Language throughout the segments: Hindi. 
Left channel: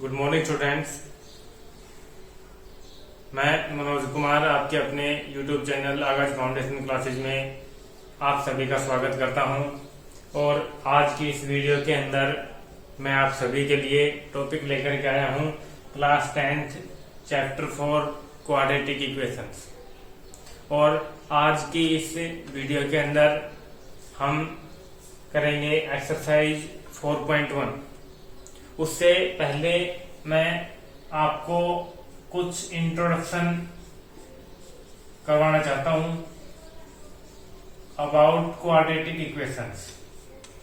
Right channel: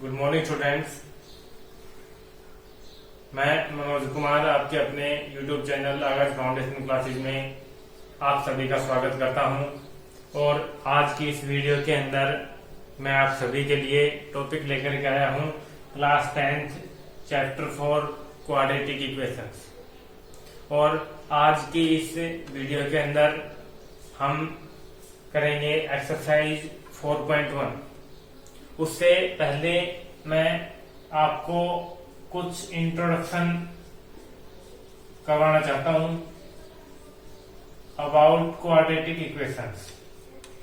Good morning students. मैं मनोज कुमार आपके अपने यूट्यूब चैनल आकाश फाउंडेशन क्लासेज में आप सभी का स्वागत करता हूं। और आज की इस वीडियो के अंदर मैं आप सभी के लिए टॉपिक लेकर के आया हूं class 10th chapter 4 quadratic equations. और आज की इस वीडियो के अंदर हम करेंगे एक्सरसाइज 4.1। उससे पहले मैं आपको कुछ इंट्रोडक्शन करवाना चाहता हूं about quadratic equations.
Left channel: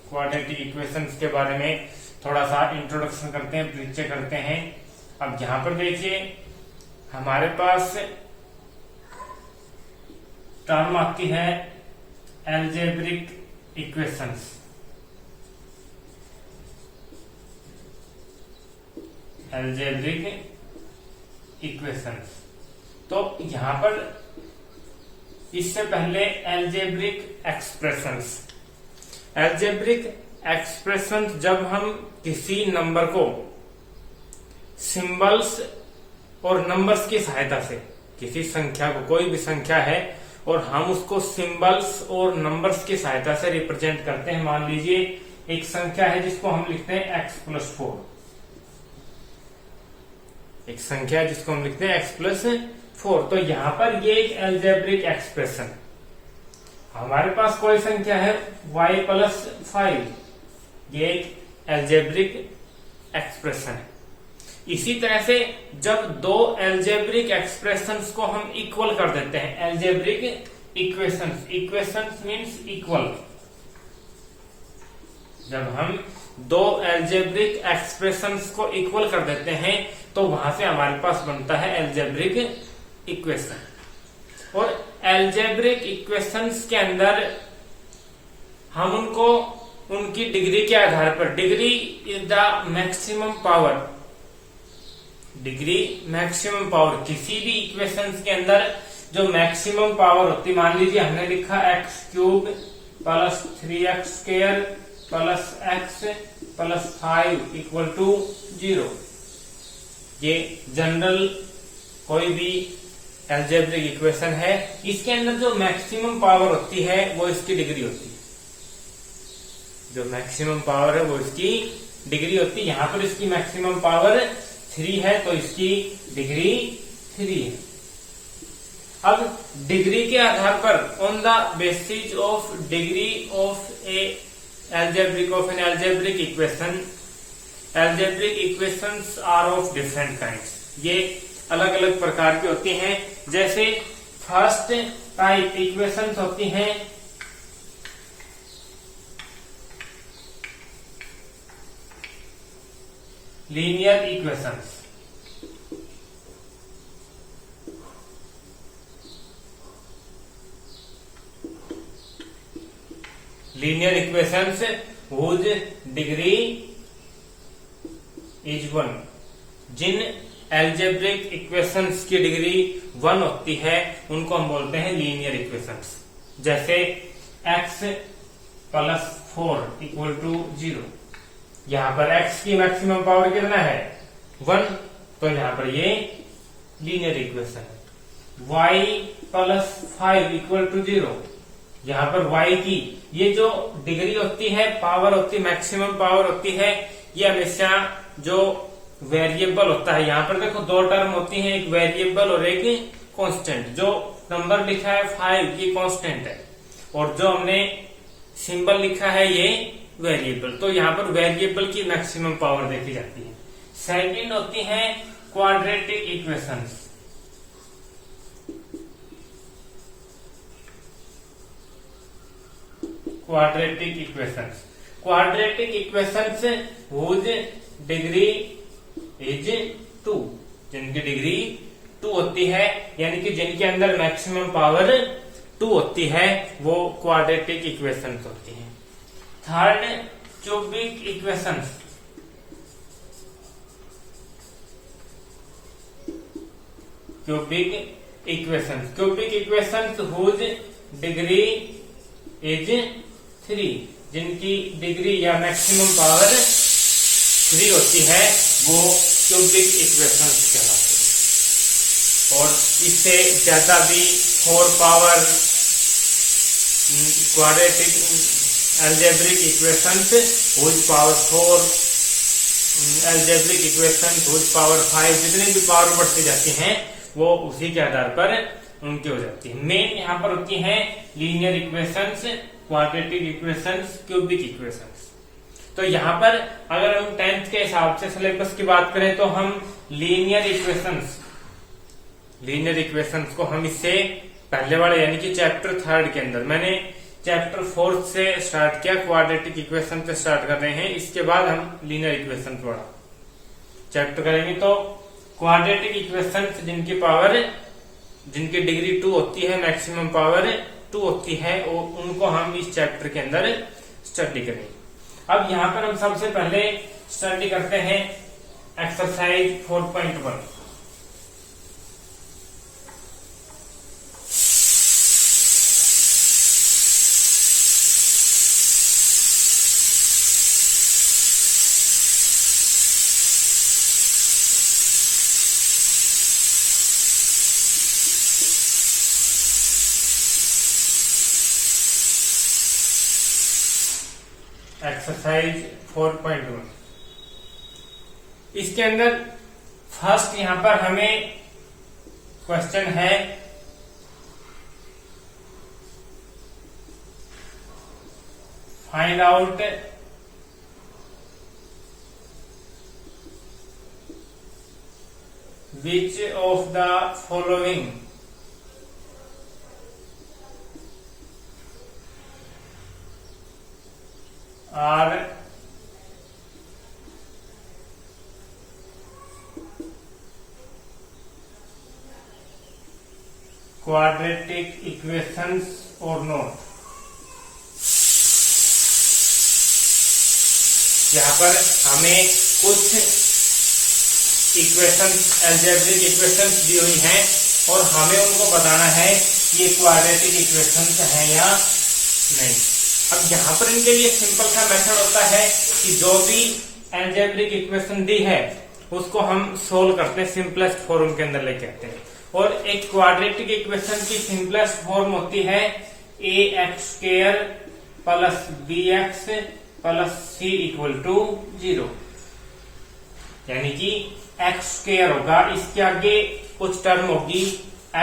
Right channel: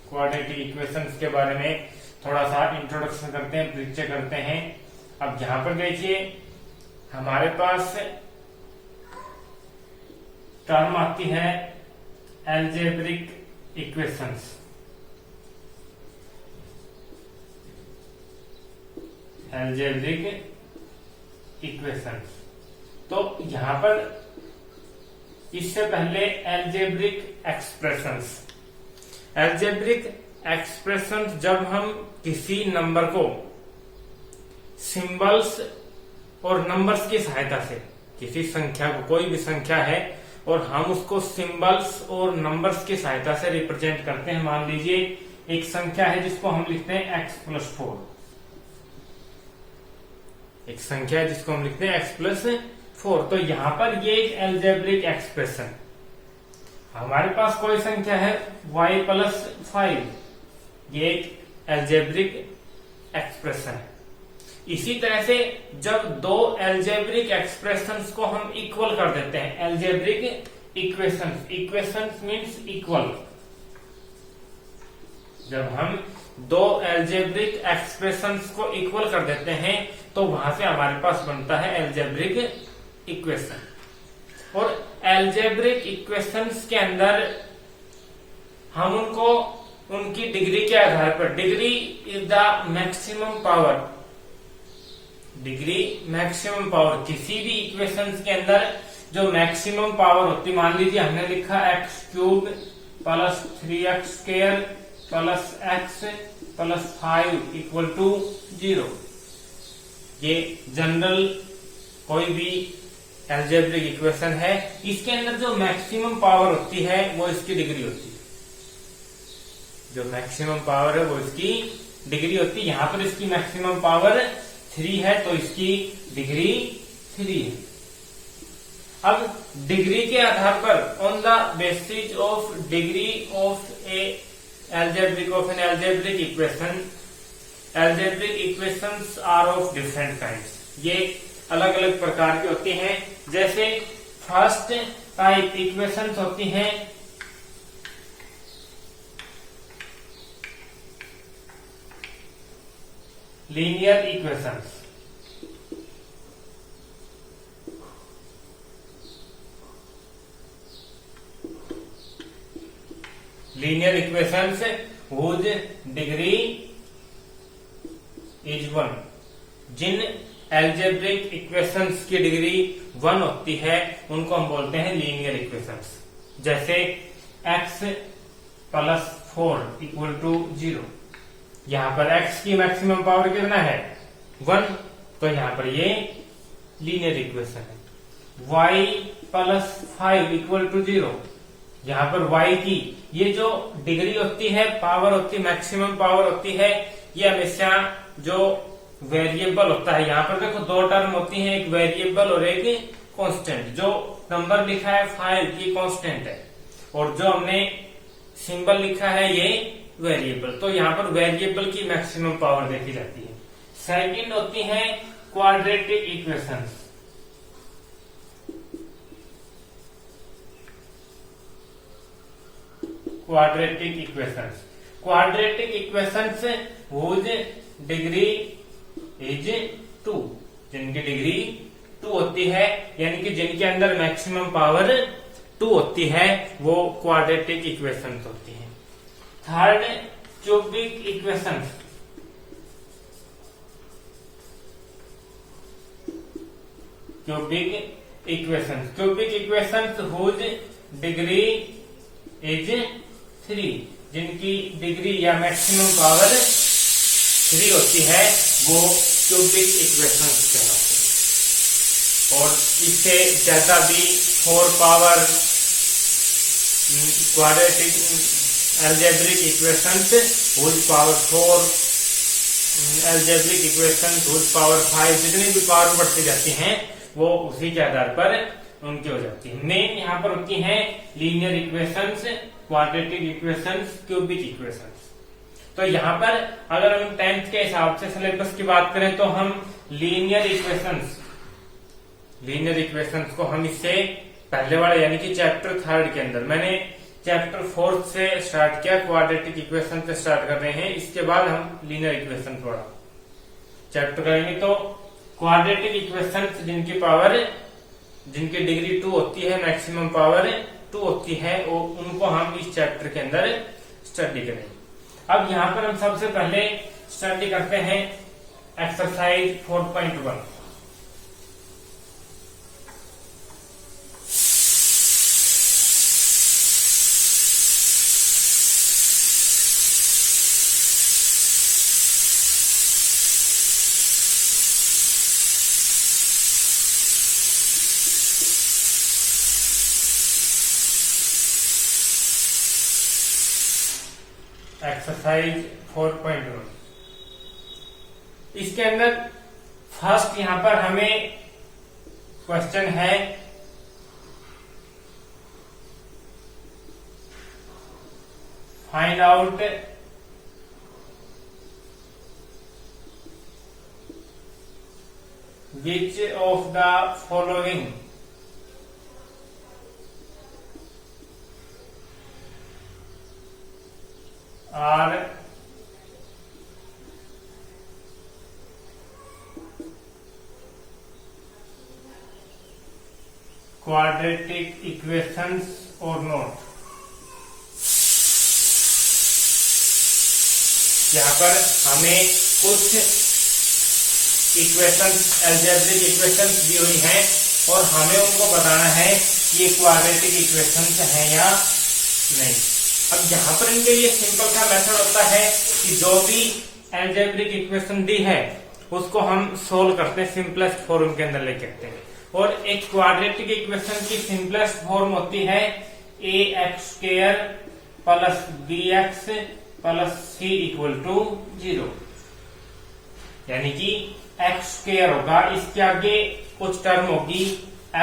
Quadratic equations के बारे में थोड़ा सा इंट्रोडक्शन करते हैं, परिचय करते हैं। अब यहां पर देखिए हमारे पास टर्म आती है एल्जेब्रिक इक्वेशंस। Algebraic equations. तो यहां पर इससे पहले एल्जेब्रिक एक्सप्रेशंस। एल्जेब्रिक एक्सप्रेशंस जब हम किसी नंबर को सिंबल्स और नंबर्स की सहायता से, किसी संख्या को, कोई भी संख्या है और हम उसको सिंबल्स और नंबर्स की सहायता से रिप्रेजेंट करते हैं। मान लीजिए एक संख्या है जिसको हम लिखते हैं x+4। एक संख्या है जिसको हम लिखते हैं x+4। तो यहां पर ये एक एल्जेब्रिक एक्सप्रेशन। हमारे पास कोई संख्या है y+5, ये एक एल्जेब्रिक एक्सप्रेशन। इसी तरह से जब दो एल्जेब्रिक एक्सप्रेशंस को हम इक्वल कर देते हैं, algebraic equations, equations means equal. जब हम दो एल्जेब्रिक एक्सप्रेशंस को इक्वल कर देते हैं तो वहां से हमारे पास बनता है एल्जेब्रिक इक्वेशन। और एल्जेब्रिक इक्वेशंस के अंदर हम उनको उनकी डिग्री के आधार पर, degree is the maximum power, degree maximum power, किसी भी इक्वेशंस के अंदर जो मैक्सिमम पावर होती, मान लीजिए हमने लिखा x³ + 3x² + x + 5 = 0। ये जनरल कोई भी एल्जेब्रिक इक्वेशन है। इसके अंदर जो मैक्सिमम पावर होती है वो इसकी डिग्री होती है। जो मैक्सिमम पावर है वो इसकी डिग्री होती है। यहां पर इसकी मैक्सिमम पावर 3 है तो इसकी डिग्री 3 है। अब डिग्री के आधार पर, on the basis of degree of an algebraic equation, algebraic equations are of different kinds. ये अलग अलग प्रकार की होती हैं। जैसे फर्स्ट टाइप इक्वेशंस होती हैं linear equations. Linear equations whose degree is 1। जिन एल्जेब्रिक इक्वेशंस की डिग्री 1 होती है उनको हम बोलते हैं लीनियर इक्वेशंस। जैसे x+4 = 0। यहां पर x की मैक्सिमम पावर कितना है? 1। तो यहां पर ये लीनियर इक्वेशन है। y+5 = 0। यहां पर y की ये जो डिग्री होती है, पावर होती है, मैक्सिमम पावर होती है, ये हमेशा जो वेरिएबल होता है, यहां पर देखो दो टर्म होती हैं, एक वेरिएबल और एक कांस्टेंट। जो नंबर लिखा है 5 ये कांस्टेंट है और जो हमने सिंबल लिखा है ये वेरिएबल। तो यहां पर वेरिएबल की मैक्सिमम पावर देखी जाती है। सेकंड होती है quadratic equations. Quadratic equations, quadratic equations whose degree is 2। जिनकी डिग्री 2 होती है, यानी कि जिनके अंदर मैक्सिमम पावर 2 होती है, वो क्वाड्रेटिक इक्वेशंस होती हैं। Third cubic equations. Cubic equations, cubic equations whose degree is 3। जिनकी डिग्री या मैक्सिमम पावर 3 होती है वो क्यूबिक इक्वेशंस कहलाते हैं। और इससे ज्यादा भी 4 power quadratic algebraic equations which power 4 algebraic equations which power 5 जितनी भी पावर बढ़ती जाती हैं वो उसी के आधार पर उनकी हो जाती है। मेन यहाँ पर होती हैं linear equations, quadratic equations, cubic equations. तो यहाँ पर अगर हम 10th के हिसाब से सिलेबस की बात करें तो हम लीनियर इक्वेशंस को हम इससे पहले वाले यानी कि चैप्टर 3 के अंदर, मैंने चैप्टर 4 से स्टार्ट किया, क्वाड्रेटिक इक्वेशन से स्टार्ट कर रहे हैं। इसके बाद हम लीनियर इक्वेशन थोड़ा चैप्टर करेंगे। तो क्वाड्रेटिक इक्वेशन जिनकी डिग्री 2 होती है, मैक्सिमम पावर 2 होती है, उनको हम इस चैप्टर के अंदर स्टडी करेंगे। अब यहाँ पर हम सबसे पहले स्टडी करते हैं एक्सरसाइज 4.1। एक्सरसाइज 4.1 इसके अंदर फर्स्ट यहां पर हमें क्वेश्चन है find out which of the following are quadratic equations or not। यहाँ पर हमें कुछ इक्वेशंस, अलजेब्रिक इक्वेशंस दी हुई हैं और हमें उनको बताना है कि ये क्वाड्रेटिक इक्वेशंस हैं या नहीं। अब यहाँ पर इनके लिए सिंपल सा मेथड होता है कि जो भी अलजेब्रिक इक्वेशन दी है उसको हम सोल्व करते हैं, सिंपलेस्ट फॉर्म के अंदर लेके आते हैं। और एक क्वाड्रेटिक इक्वेशन की सिंपलेस्ट फॉर्म होती है ax² plus bx plus c equal to 0। यानी कि x² होगा, इसके आगे कुछ टर्म होगी,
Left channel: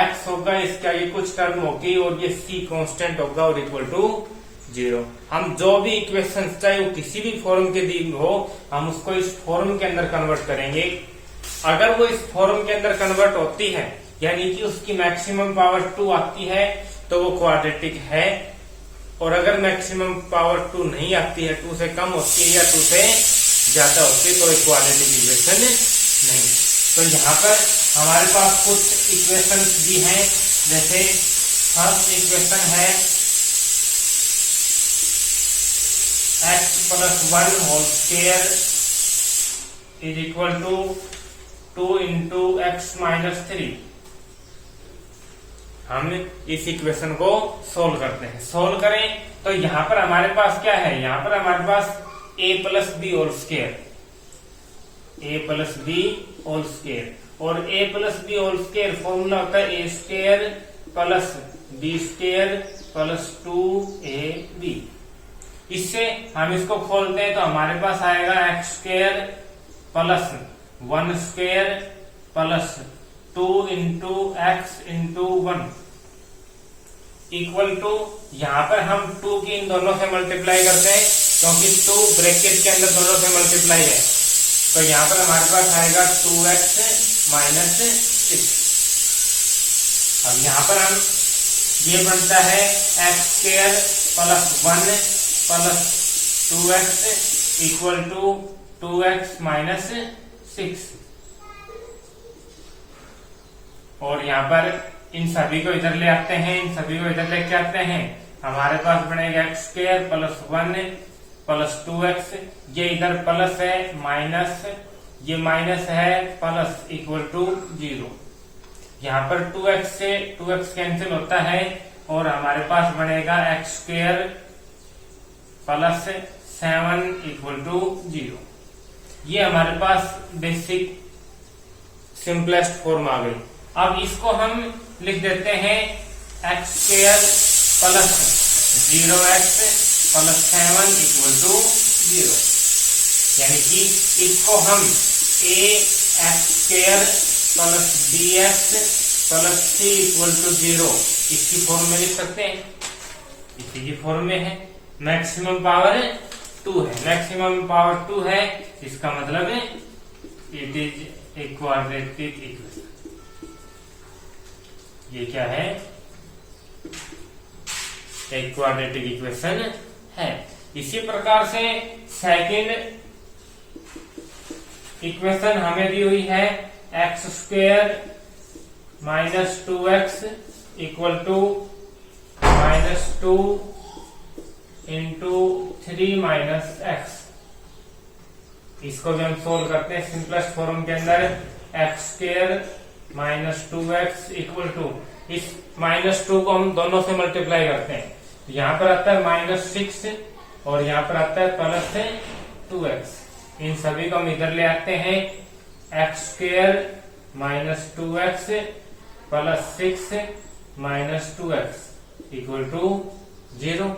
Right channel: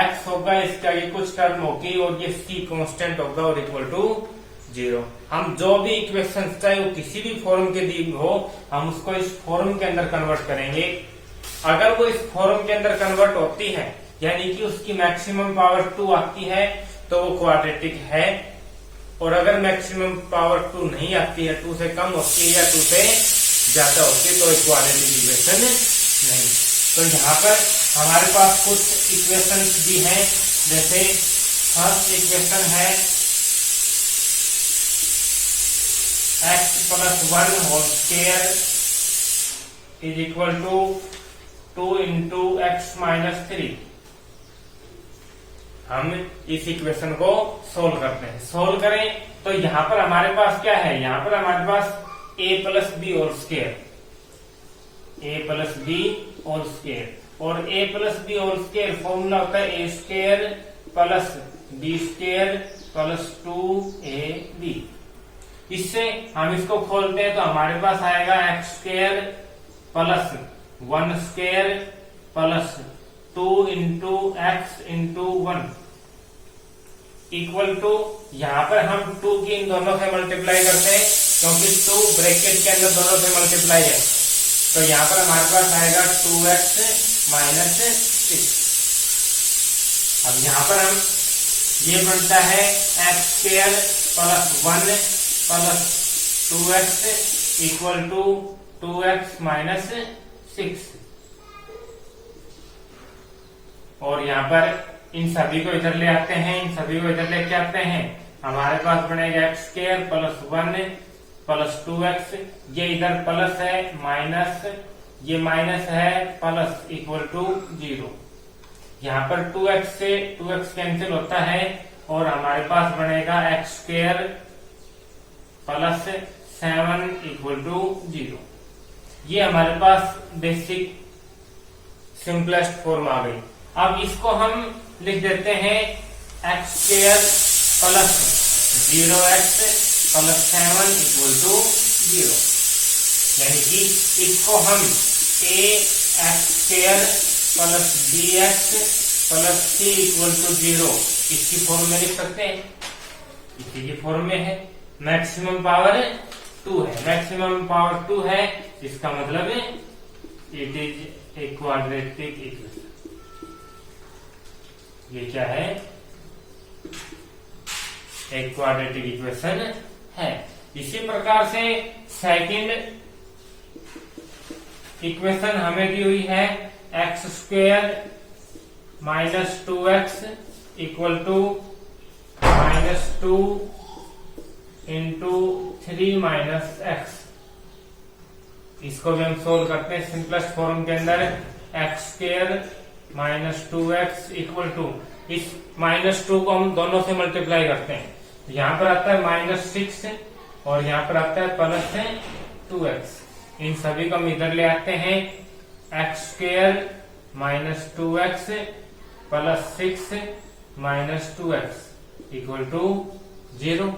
x होगा, इसके आगे कुछ टर्म होगी और ये c कांस्टेंट होगा और इक्वल टू 0। हम जो भी इक्वेशन चाहे वो किसी भी फॉर्म के दी हो, हम उसको इस फॉर्म के अंदर कन्वर्ट करेंगे। अगर वो इस फॉर्म के अंदर कन्वर्ट होती है यानी कि उसकी मैक्सिमम पावर 2 आती है तो वो क्वाड्रेटिक है, और अगर मैक्सिमम पावर 2 नहीं आती है, 2 से कम होती है या 2 से ज्यादा होती है, तो एक क्वाड्रेटिक इक्वेशन नहीं। तो यहाँ पर हमारे पास कुछ इक्वेशन भी हैं, जैसे फर्स्ट इक्वेशन है x plus 1 whole square is equal to 2 into x minus 3। हम इस इक्वेशन को सोल्व करते हैं। सोल्व करें तो यहाँ पर हमारे पास क्या है, यहाँ पर हमारे पास a plus B whole square, a plus B whole square, और a plus B whole square formula होता है a² plus b² plus 2ab। इससे हम इसको खोलते हैं तो हमारे पास आएगा x² plus 1² plus 2 into X into 1 equal to, यहाँ पर हम 2 की इन दोनों से मल्टीप्लाई करते हैं क्योंकि 2 ब्रैकेट के अंदर दोनों से मल्टीप्लाई है, तो यहाँ पर हमारे पास आएगा 2x माइनस 6। अब यहाँ पर हम ये बनता है x² plus 1 plus 2x equal to 2x minus 6। और यहाँ पर इन सभी को इधर ले आते हैं, इन सभी को इधर लेके आते हैं, हमारे पास बनेगा x² प्लस 1 प्लस 2x, ये इधर प्लस है माइनस, ये माइनस है प्लस इक्वल टू 0। यहाँ पर 2x से 2x कैंसिल होता है और हमारे पास बनेगा x² प्लस 7 इक्वल टू 0। ये हमारे पास बेसिक सिंपलेस्ट फॉर्म आ गई। अब इसको हम लिख देते हैं x square plus 0x plus 7 equal to 0, यानी कि इसको हम a x square plus b x plus c equal to 0 इसकी फॉर्म में लिख सकते हैं, इसी की फॉर्म में है। मैक्सिमम पावर 2 है, मैक्सिमम पावर 2 है, इसका मतलब है it is a quadratic equation. ये क्या है? एक क्वाड्रेटिक इक्वेशन है। इसी प्रकार से सेकंड इक्वेशन हमें दी हुई है x square minus 2x equal to -2 into 3 minus x. इसको भी हम सोल्व करते हैं सिंपलेस्ट फॉर्म के अंदर, x square minus 2x equal to, इस -2 को हम दोनों से मल्टीप्लाई करते हैं, तो यहाँ पर आता है -6 और यहाँ पर आता है प्लस 2x। इन सभी को हम इधर ले आते हैं, x square minus 2x plus 6 minus 2x equal to 0।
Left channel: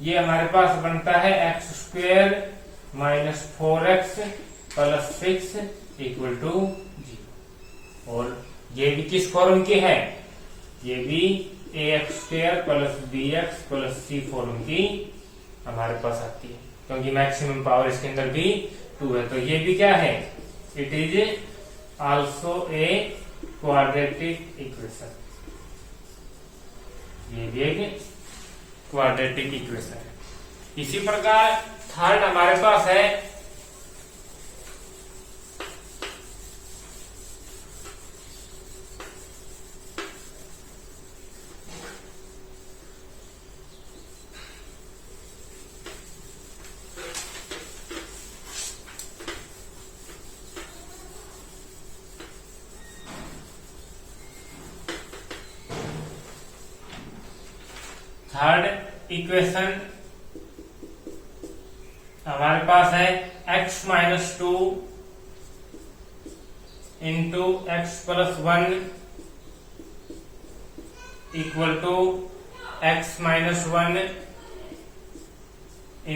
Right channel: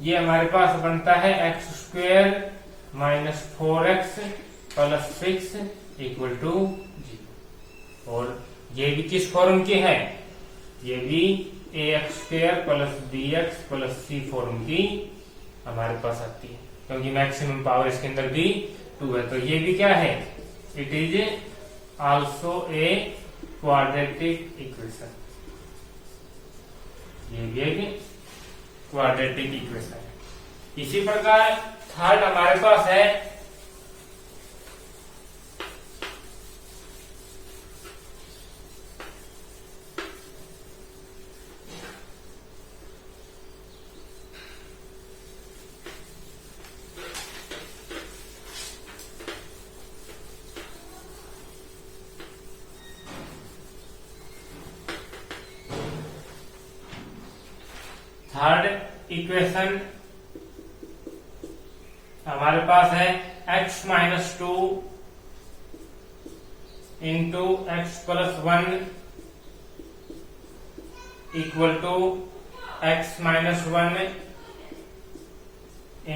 ये हमारे पास बनता है x square minus 4x plus 6 equal to 0। और ये भी किस फॉर्म की है? ये भी a x square plus b x plus c form की हमारे पास आती है, क्योंकि मैक्सिमम पावर इसके अंदर भी 2 है। तो ये भी क्या है? It is also a quadratic equation. ये भी एक क्वाड्रेटिक इक्वेशन है। इसी प्रकार थर्ड हमारे पास है थर्ड इक्वेशन हमारे पास है x minus 2 into x plus 1 equal to x minus 1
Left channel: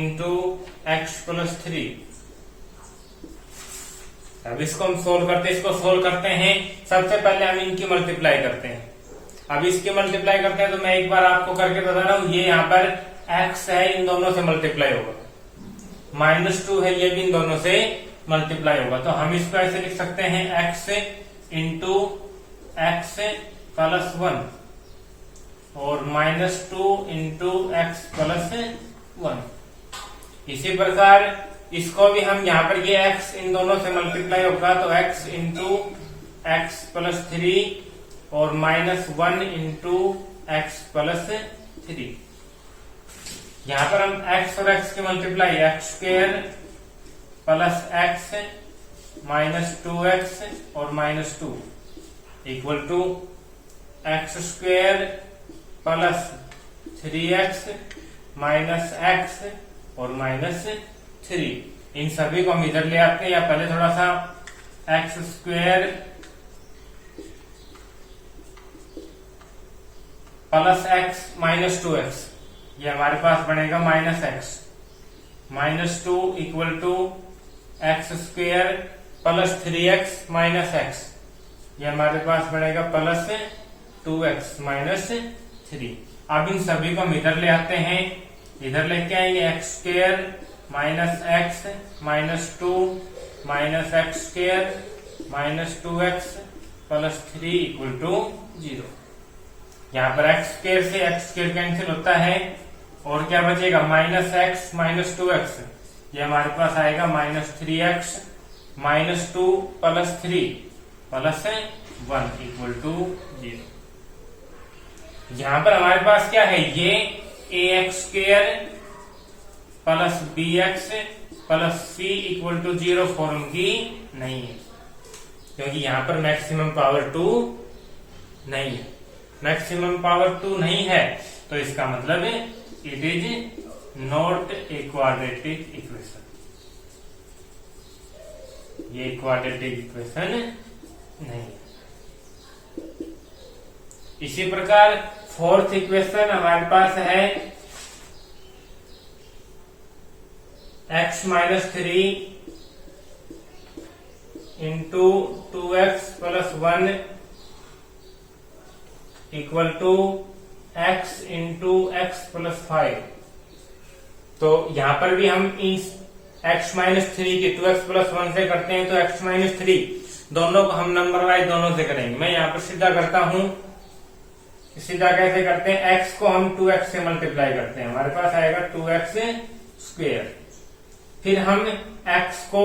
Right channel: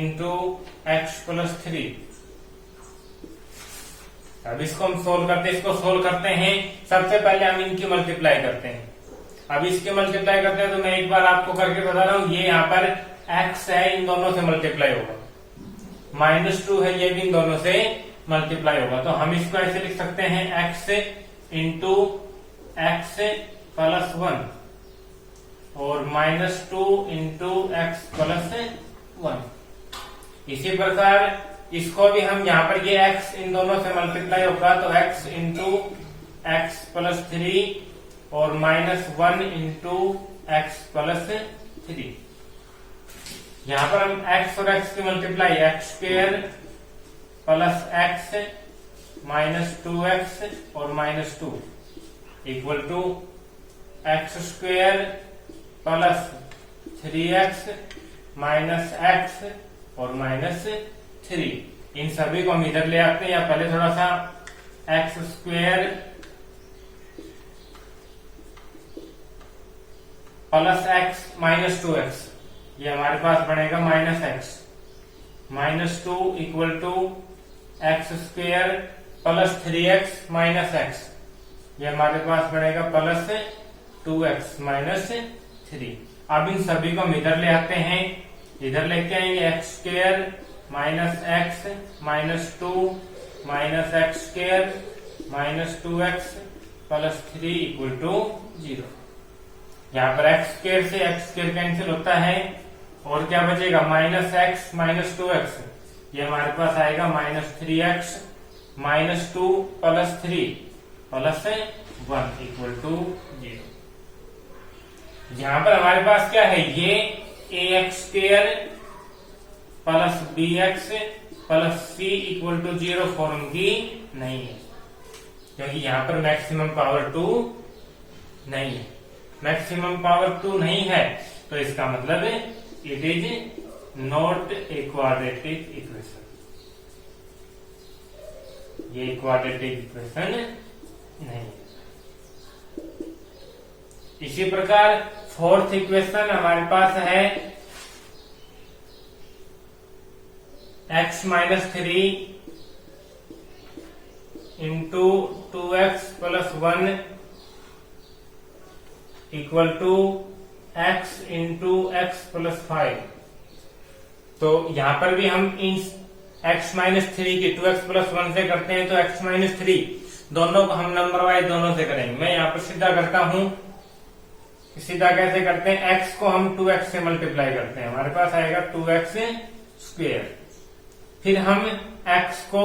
into x plus 3। अब इसको हम सोल्व करते हैं, इसको सोल्व करते हैं। सबसे पहले हम इनकी मल्टीप्लाई करते हैं। अब इसकी मल्टीप्लाई करते हैं तो मैं एक बार आपको करके बता रहा हूं, ये यहाँ पर x है, इन दोनों से मल्टीप्लाई होगा, -2 है, ये भी इन दोनों से मल्टीप्लाई होगा। तो हम इसको ऐसे लिख सकते हैं x इंटू एक्स प्लस 1 और -2 इंटू एक्स प्लस 1। इसी प्रकार इसको भी हम यहाँ पर, ये x इन दोनों से मल्टीप्लाई होगा तो x इंटू एक्स प्लस 3 और -1 इंटू एक्स प्लस 3। यहाँ पर हम x और x की multiply, x square plus x minus 2x और -2 equal to x square plus 3x minus x और -3। इन सभी को हम इधर ले आते हैं, या पहले थोड़ा सा x square plus x minus 2x, ये हमारे पास बनेगा -2 equal to x square plus 3x minus x, ये हमारे पास बनेगा प्लस 2x माइनस 3। अब इन सभी को हम इधर ले आते हैं, इधर लेके आएंगे x square minus x minus 2 minus x square minus 2x plus 3 equal to 0। यहाँ पर एक्स स्क्वायर से एक्स स्क्वायर कैंसिल होता है और क्या बचेगा? -x माइनस 2x, ये हमारे पास आएगा -3x minus 2 plus 3 plus 1 equal to 0। यहाँ पर हमारे पास क्या है? ये ax square plus bx plus c equal to 0 form की नहीं है, क्योंकि यहाँ पर मैक्सिमम पावर 2 नहीं है। मैक्सिमम पावर 2 नहीं है तो इसका मतलब है it is not a quadratic equation. ये क्वाड्रेटिक इक्वेशन नहीं है। इसी प्रकार फोर्थ इक्वेशन हमारे पास है x-3 into 2x plus 1 equal to x into x plus 5। तो यहां पर भी हम इस x-3 की 2x प्लस 1 से करते हैं, तो x-3 दोनों को हम नंबर वाइज दोनों से करेंगे। मैं यहाँ पर सीधा करता हूं। सीधा कैसे करते हैं, x को हम 2x से मल्टीप्लाई करते हैं, हमारे पास आएगा 2x स्क्वेयर। फिर हम x को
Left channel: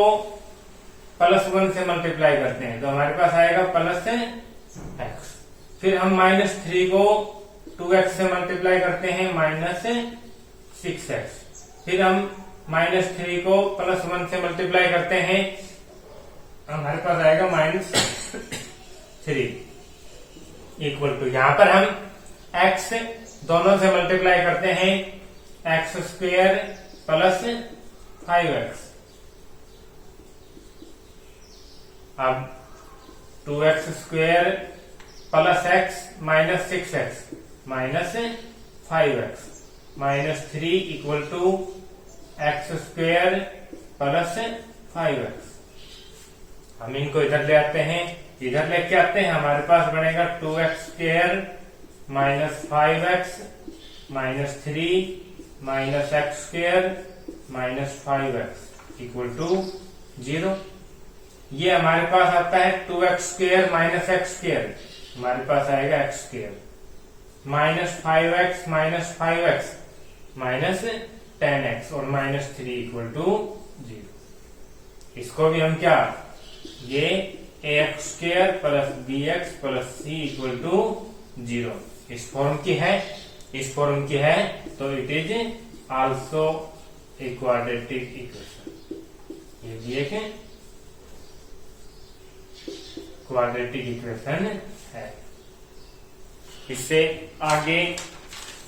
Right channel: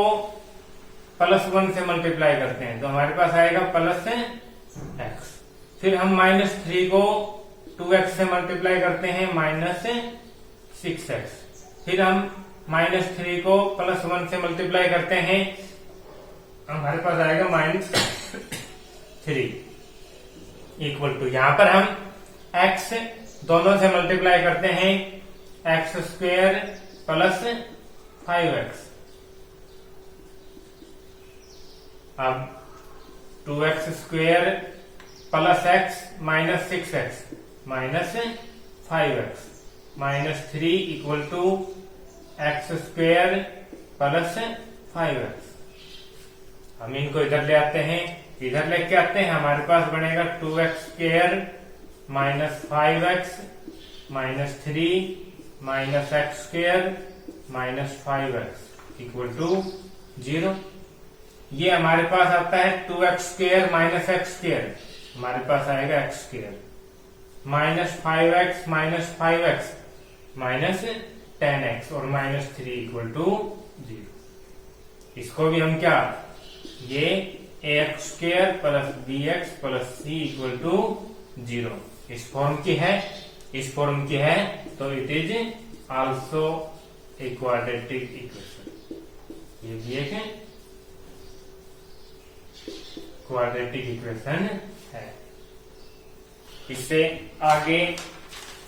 प्लस 1 से मल्टीप्लाई करते हैं, तो हमारे पास आएगा प्लस x। फिर हम -3 को 2x से मल्टीप्लाई करते हैं, -6x। फिर हम -3 को प्लस 1 से मल्टीप्लाई करते हैं, हमारे पास आएगा -3 इक्वल टू, यहां पर हम x दोनों से मल्टीप्लाई करते हैं, x स्क्वेयर प्लस 5x। अब 2x square plus x minus 6x minus 5x -3 equal to x square plus 5x। हम इनको इधर ले आते हैं, इधर लेके आते हैं, हमारे पास बनेगा 2x square minus 5x -3 minus x square minus 5x equal to 0। ये हमारे पास आता है 2x square minus x square, हमारे पास आएगा x square minus 5x minus 5x minus 10x और -3 इक्वल टू 0। इसको भी हम क्या, ये ax square plus bx plus c equal to 0 इस फॉर्म की है, इस फॉर्म की है, तो it is also a quadratic equation. ये भी एक क्वाड्रेटिक इक्वेशन है। इससे आगे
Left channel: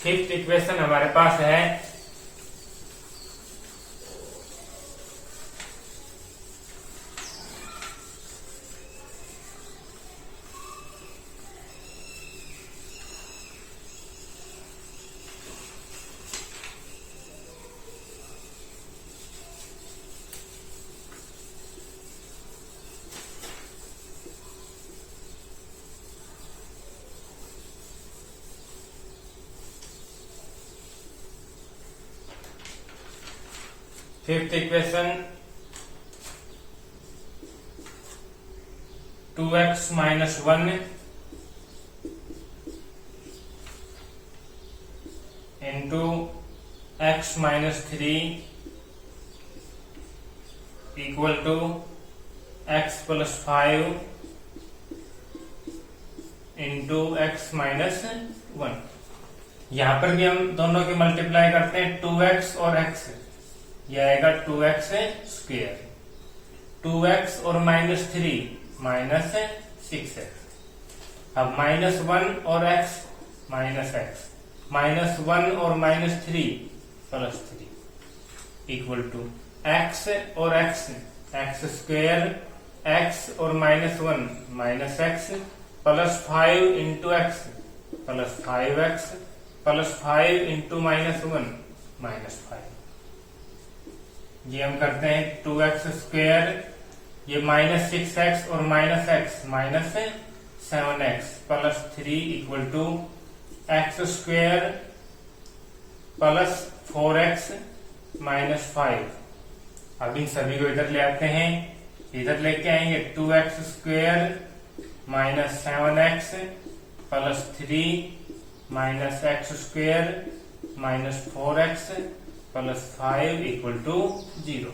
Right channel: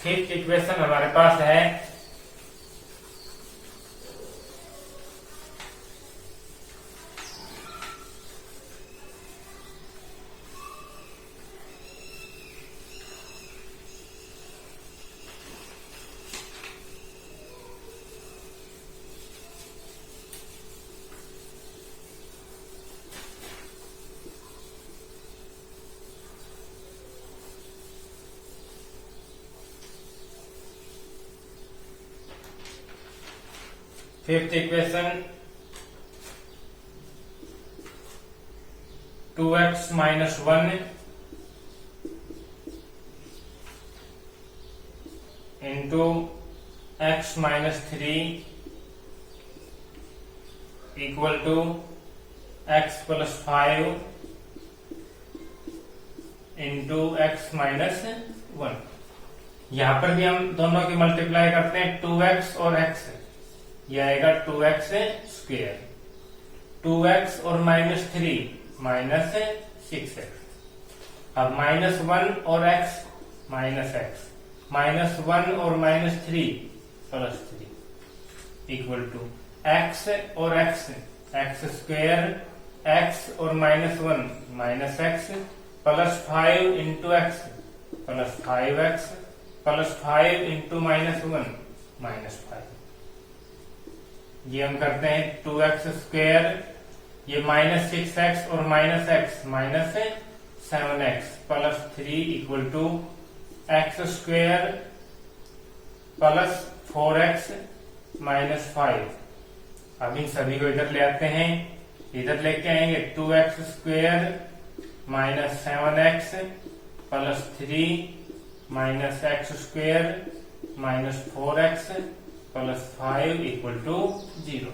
फिफ्थ इक्वेशन हमारे पास है fifth equation 2x minus 1 into x minus 3 equal to x plus 5 into x minus 1। यहां पर भी हम दोनों की मल्टीप्लाई करते हैं, 2x और x, ये आएगा 2x स्क्वेयर, 2x और -3 माइनस 6x। अब -1 और x माइनस x, -1 और -3 प्लस 3 इक्वल टू x और x स्क्वेयर, x और -1 minus x plus 5 into x plus 5x plus 5 into -1 minus 5। ये हम करते हैं 2x स्क्वेयर, ये -6x और -x minus 7x plus 3 equal to x square plus 4x minus 5। अब इन सभी को इधर ले आते हैं, इधर लेके आएंगे 2x square minus 7x plus 3 minus x square minus 4x plus 5 equal to 0।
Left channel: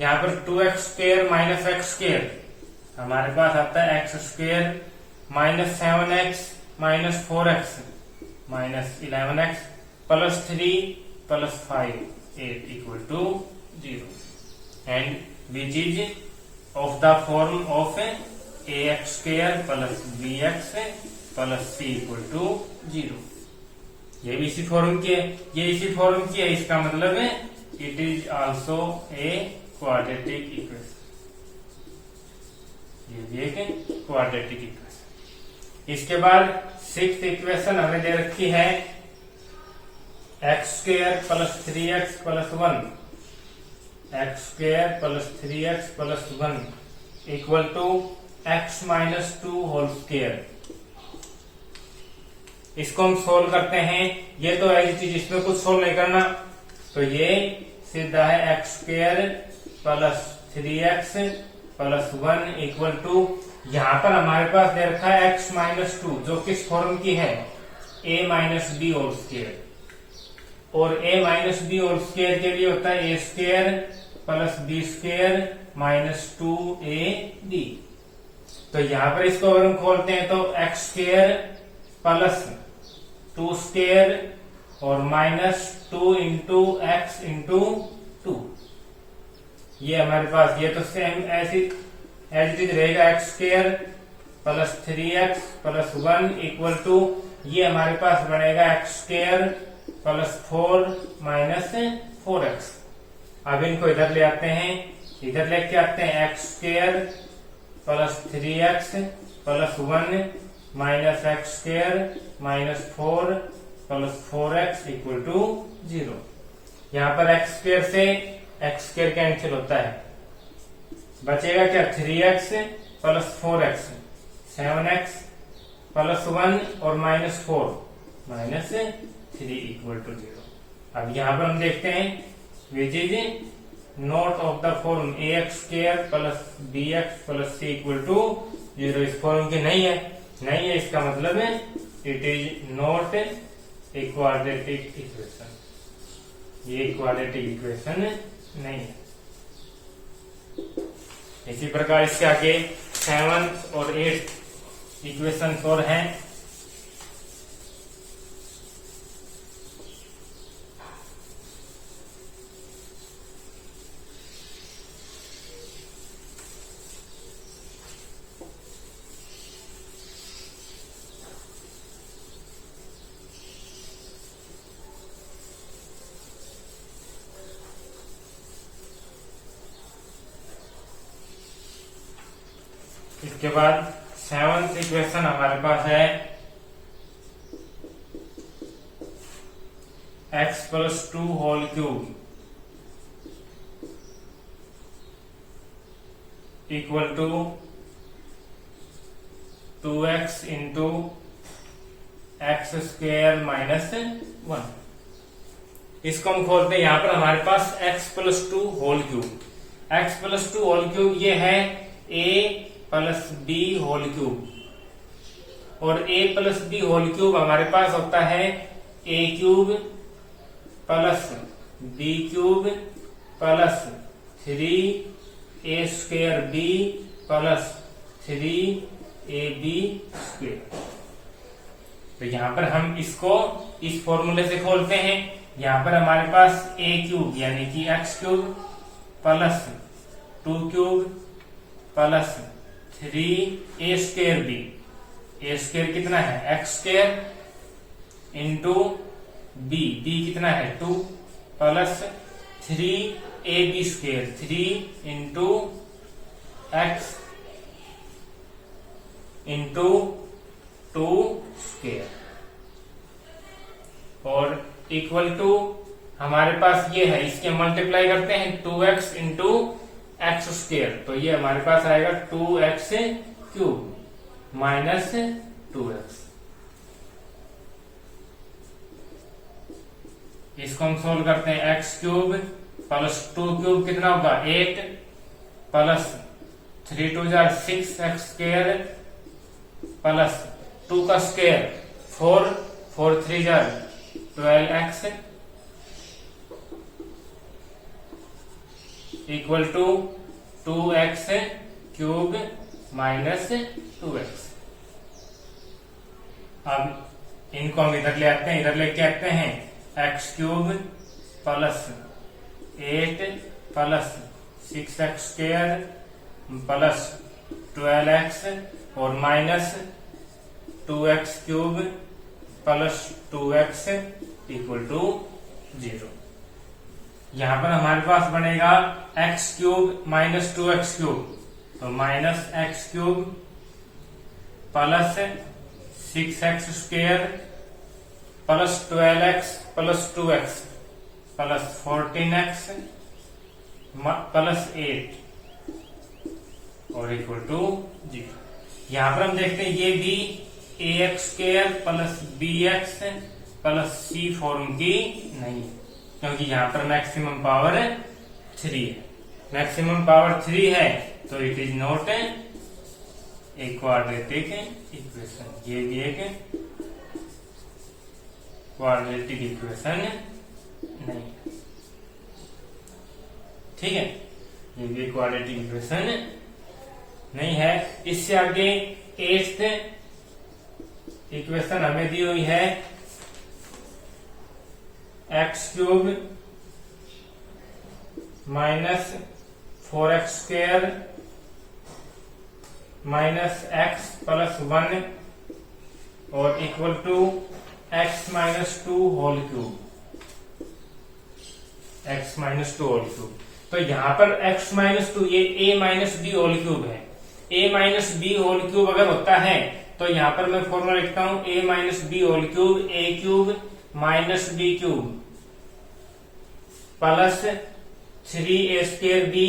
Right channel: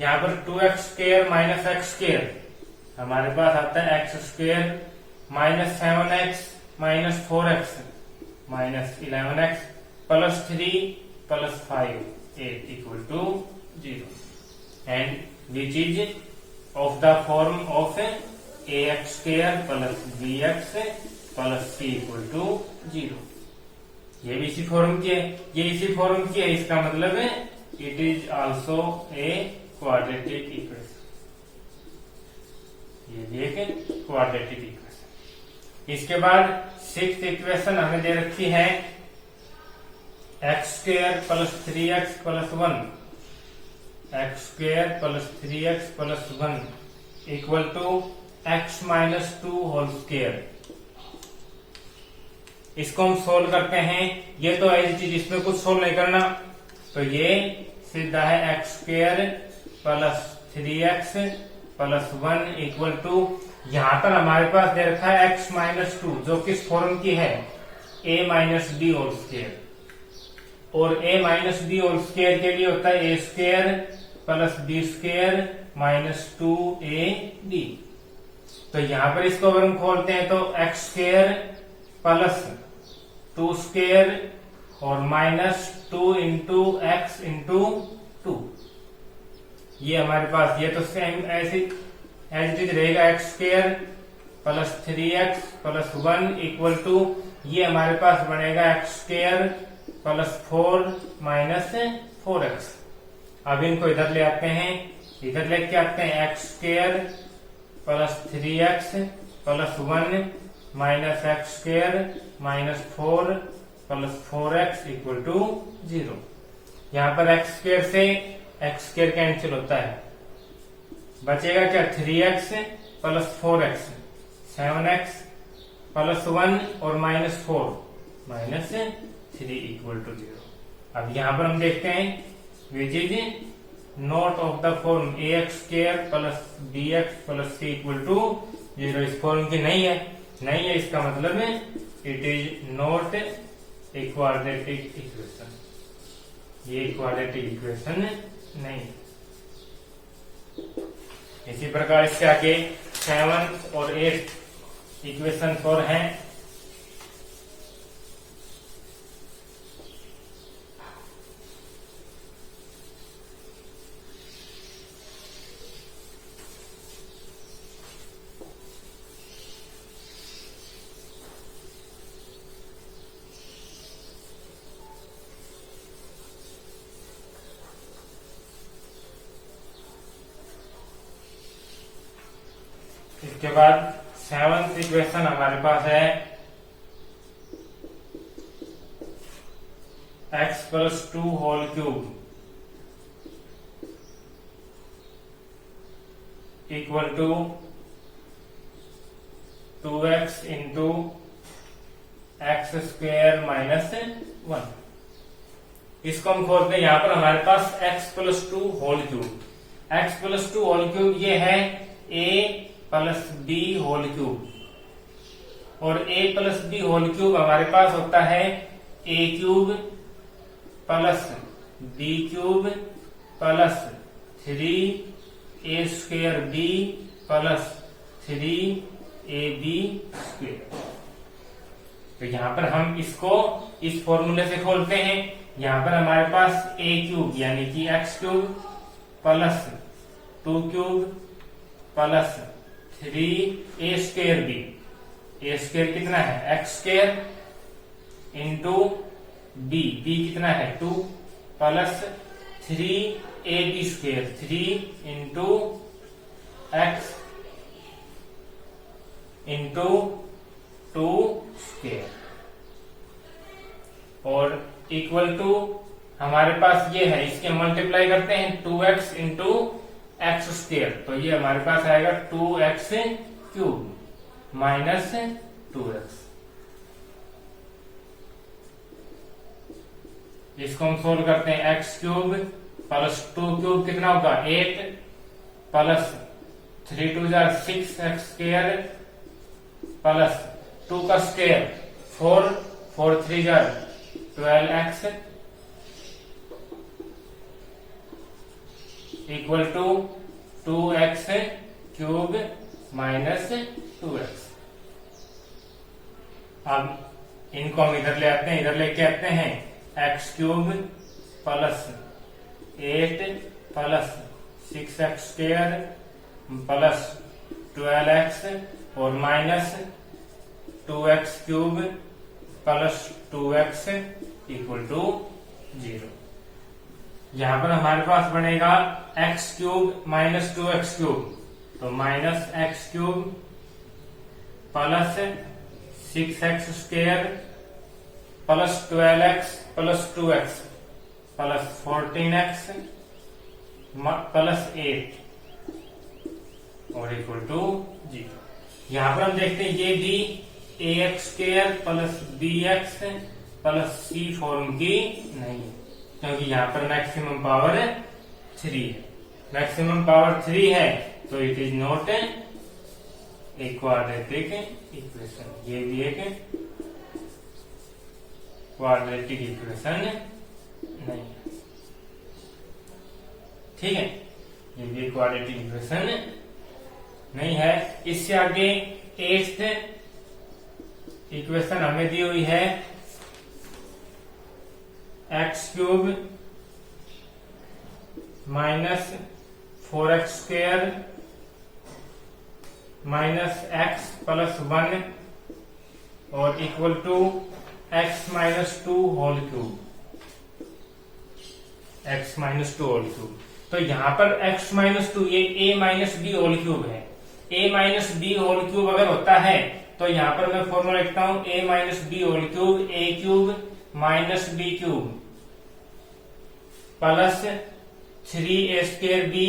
यहाँ पर 2x square minus x square, हमारे पास आता है x square minus 7x minus 4x minus 11x plus 3 plus 5 8 equal to 0 and which is of the form of ax square plus bx plus c equal to 0। ये भी इसी फॉर्म की है, ये इसी फॉर्म की है, इसका मतलब है it is also a quadratic equation. ये भी एक क्वाड्रेटिक इक्वेशन। इसके बाद 6th इक्वेशन हमें दे रखी है x² + 3x + 1 x² + 3x + 1 = x - 2 whole square. इसको हम सोल्व करते हैं। ये तो एज इट इज, इसमें कुछ सोल्व नहीं करना, तो ये सीधा है x² + 3x + 1 = यहां पर हमारे पास दे रखा है x - 2, जो किस फॉर्म की है, a - b होल स्क्वायर। और a - b होल स्क्वायर के लिए होता है a² + b² - 2ab। तो यहां पर इसको अगर हम खोलते हैं तो x² + 2² और -2 × x × 2। ये हमारे पास, ये तो सेम ऐसी एज इट इज रहेगा, x² + 3x + 1 = ये हमारे पास बनेगा x² + 4 - 4x। अब इनको इधर ले आते हैं, इधर लेके आते हैं x² + 3x + 1 - x² - 4 + 4x = 0। यहाँ पर x² से x² कैंसिल होता है, बचेगा क्या, 3x + 4x 7x + 1 और -4 -3 = 0। अब यहाँ पर हम देखते हैं which is not of the form ax² + bx + c = 0। इस फॉर्म की नहीं है, इसका मतलब है it is not a quadratic equation. ये क्वाड्रेटिक इक्वेशन नहीं है। इसी प्रकार इससे आगे 7 और 8 इक्वेशन और हैं। इसके बाद 7th इक्वेशन हमारे पास है x + 2 whole cube = 2x × x² - 1। इसको हम खोलते हैं। यहां पर हमारे पास x + 2 whole cube, x + 2 whole cube ये है a + b होल क्यूब, और a + b होल क्यूब हमारे पास होता है a³ + b³ + 3a² + 3ab²। तो यहां पर हम इसको इस फॉर्मूले से खोलते हैं। यहां पर हमारे पास a³ यानी कि x³ + 2³ + 3a²b, a² कितना है, x² × b, b कितना है 2 + 3ab², 3 × x × 2² और = हमारे पास ये है, इसके मल्टीप्लाई करते हैं 2x × x², तो ये हमारे पास आएगा 2x³ - 2x। इसको हम सोल्व करते हैं। x³ + 2³ कितना होगा, 8 + 3 × 2 = 6x² + 2 का स्क्वायर 4, 4 × 3 = 12x = 2x³ - 2x। अब इनको हम इधर ले आते हैं, इधर लेके आते हैं x³ + 8 + 6x² + 12x और -2x³ + 2x = 0। यहां पर हमारे पास बनेगा x³ - 2x³। तो minus x cube plus 6x square plus 12x plus 2x plus 14x plus 8 और इक्वल टू 0। यहां पर हम देखते हैं ये भी ax square plus bx plus c form की नहीं है, क्योंकि यहां पर मैक्सिमम पावर 3 है। मैक्सिमम पावर 3 है तो it is not a quadratic equation. ये भी एक क्वाड्रेटिक इक्वेशन नहीं, ठीक है, ये भी क्वाड्रेटिक इक्वेशन नहीं है। इससे आगे 8th इक्वेशन हमें दी हुई है x cube minus 4x square minus x plus 1 और equal to x minus 2 whole cube, x minus 2 whole cube. तो यहां पर x माइनस 2 ये a minus b whole cube है। a minus b whole cube अगर होता है तो यहां पर मैं फॉर्मूला लिखता हूं a minus b whole cube a cube minus b cube plus 3a square B